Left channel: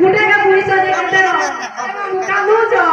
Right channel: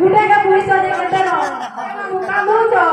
गुटे का पुलिस वाले करते ना कानू जो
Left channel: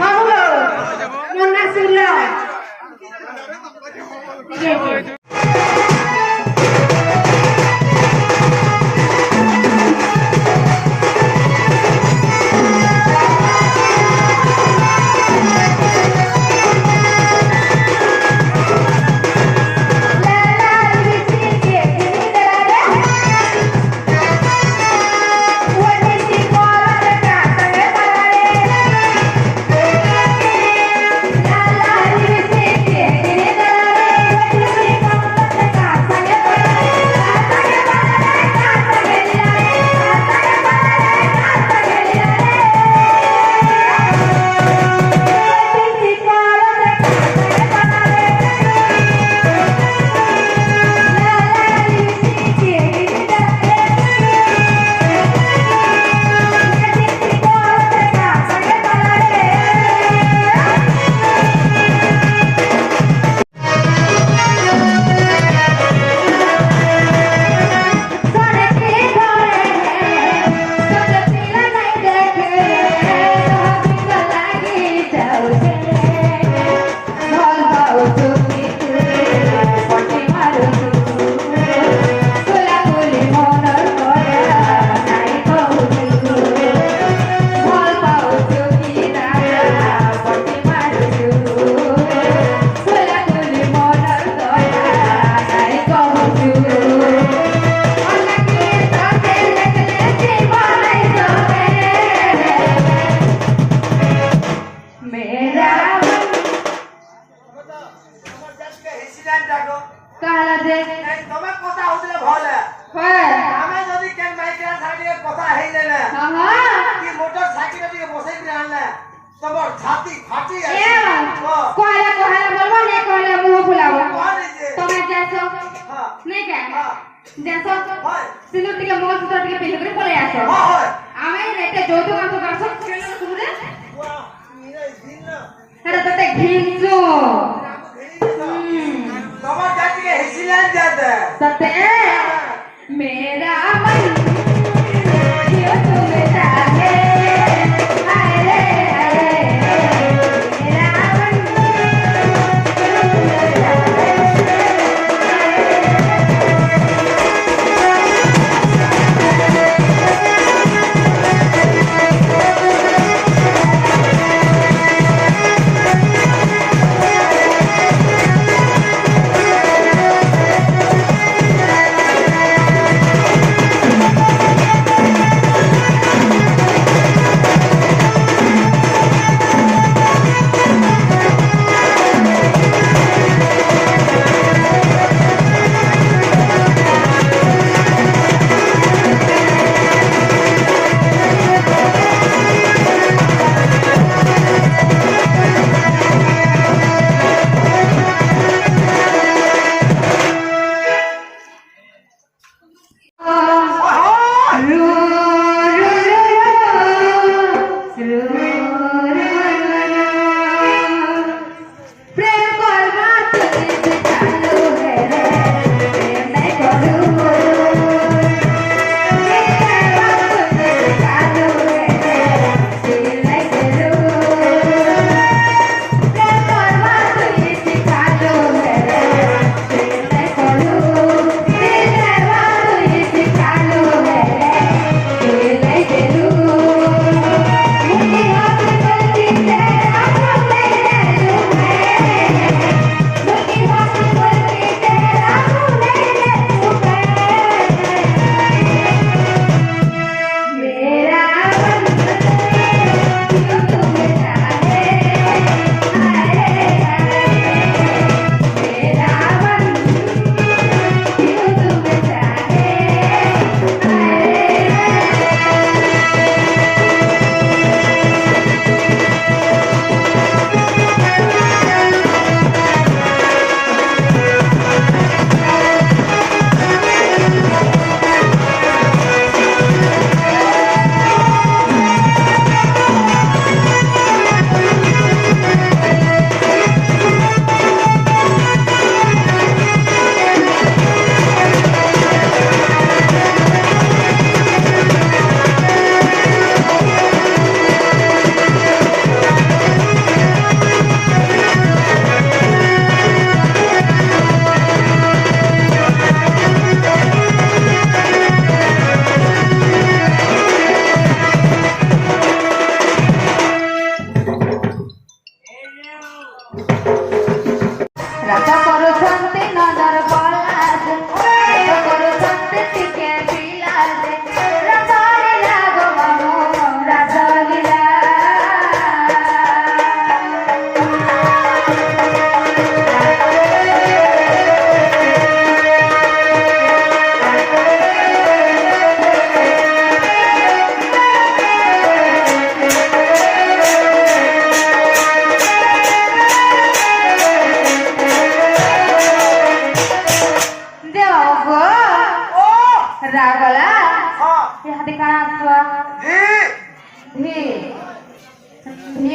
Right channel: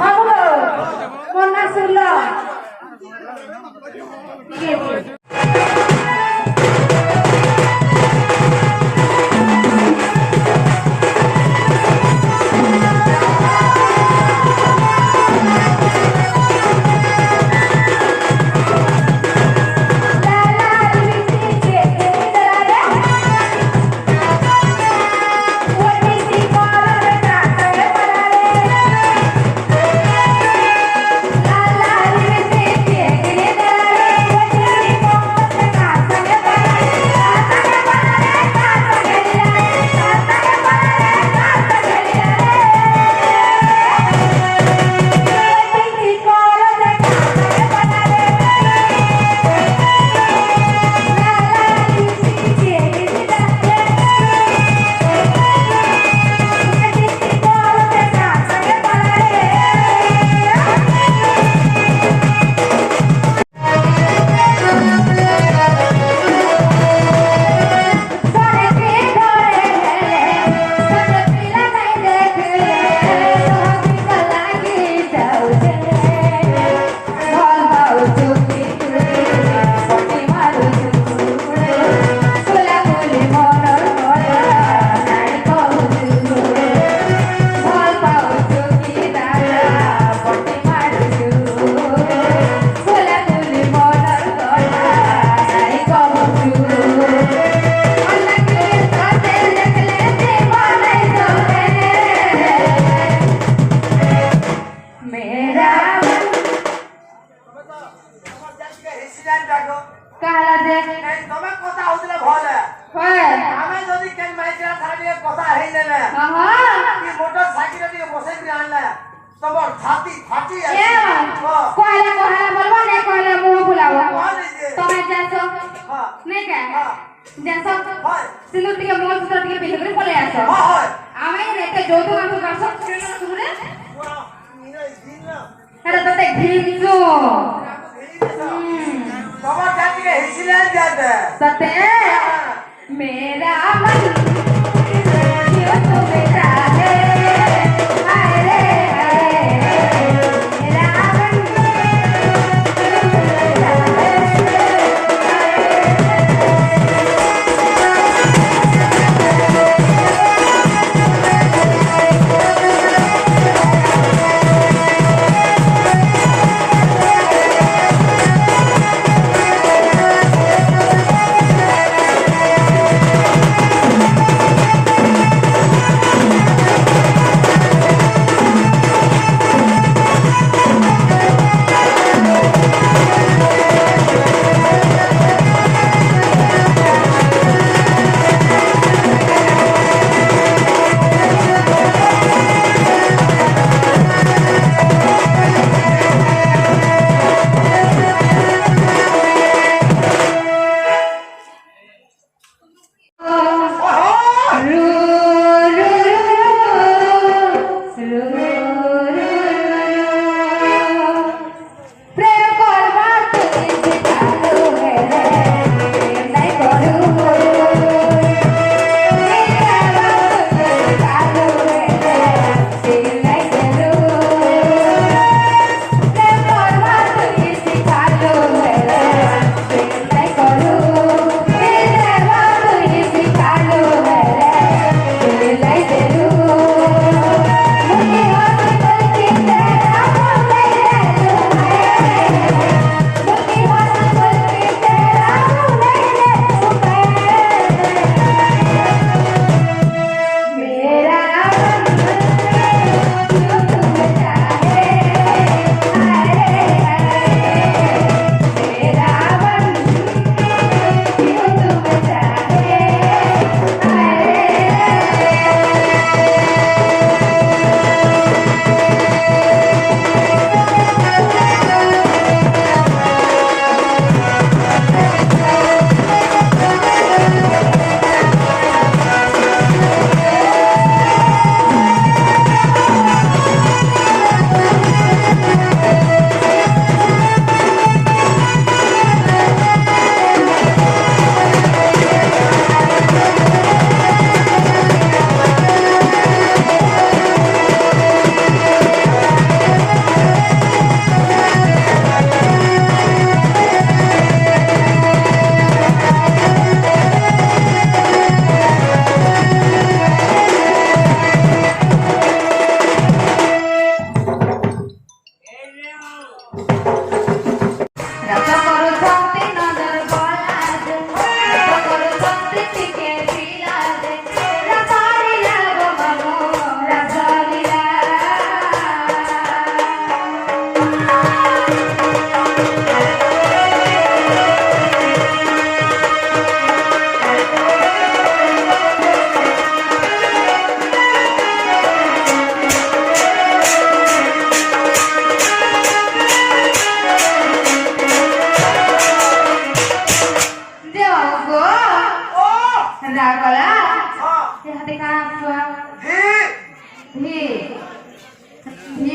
मामू मोना सुल्ला ठीक है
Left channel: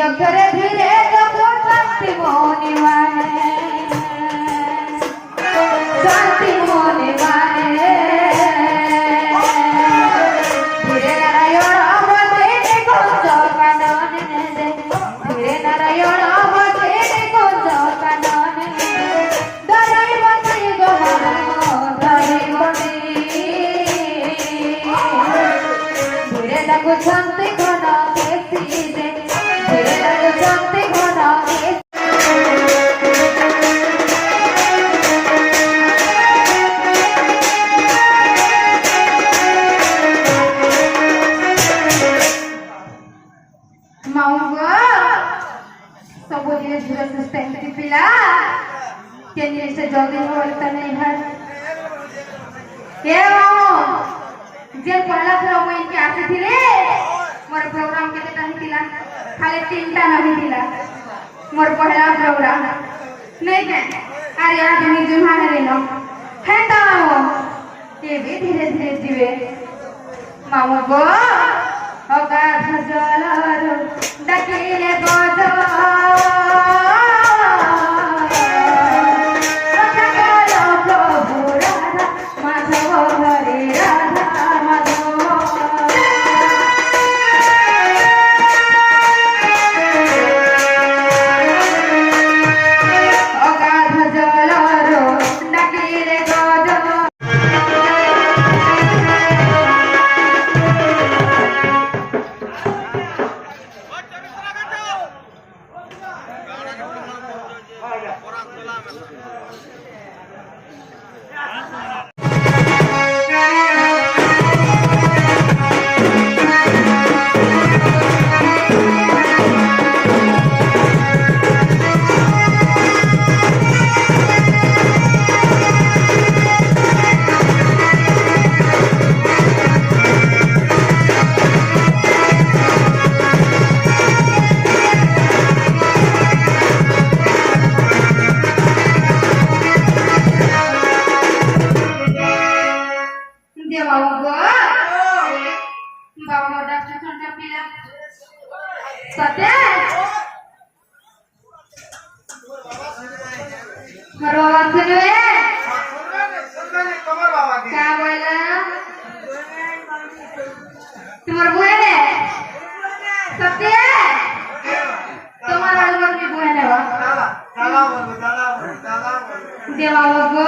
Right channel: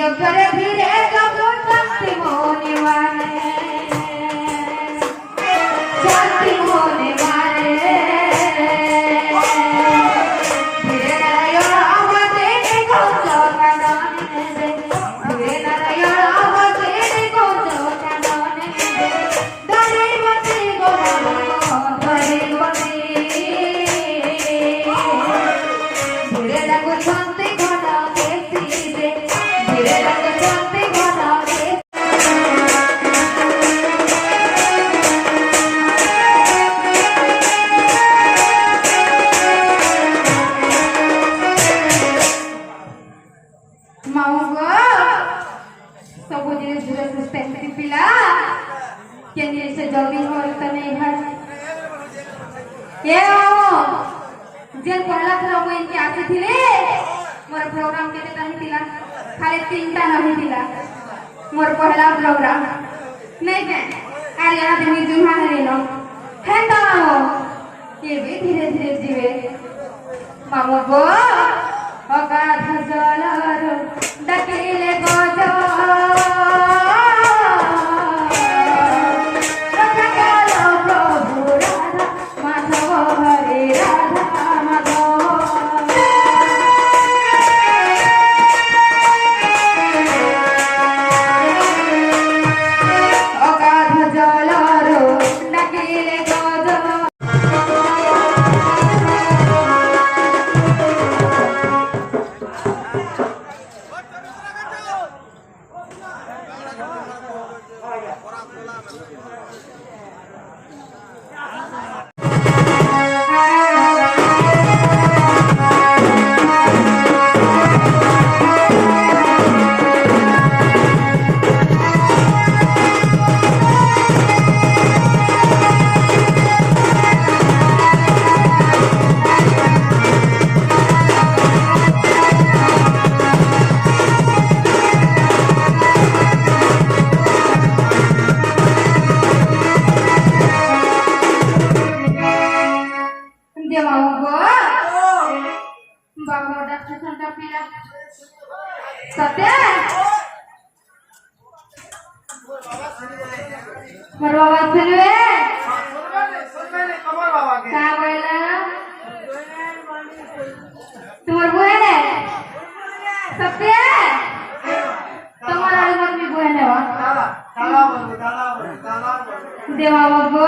अक्षरे फिरे कबो शांति मोनि वाने शांति मोनि वाने धीरे नारायण आवाजे गोंजो कानने दे धीरे नारायण आवाजे गोंजो कानने दे धरे बंसी गोवानो धरे बंसी धीरे लगो शांति घना केसी दे धीरे लगो शांति घना केसी माऊंगा सब धीरे धीरे सुस्ते की पिला के लिए से जल्दी हो तने घर ए माऊ जेल पहला थरा वो इनके आसे थिले मोर प्रोग्राम केते ताही थिला खाली 3टा नहीं थिला मोर पहला प्रोग्राम नहीं के अरे यहाँ दिन जुहा है नो हेंदा माऊ ये भी धीरे धीरे जीवे माऊ गो अगाध जलरो डकिले गजो रखलो प्रभु राधा माधव हरे राधा माधव अगाध जलरो डकिले गजो बाबा मोटा छोटा पीला सत्य मरवा सुनवे क्या बोला तुम्हार बुआ ने सत्य तुम्हारा अलवर भी बुआ ने वा देवा गो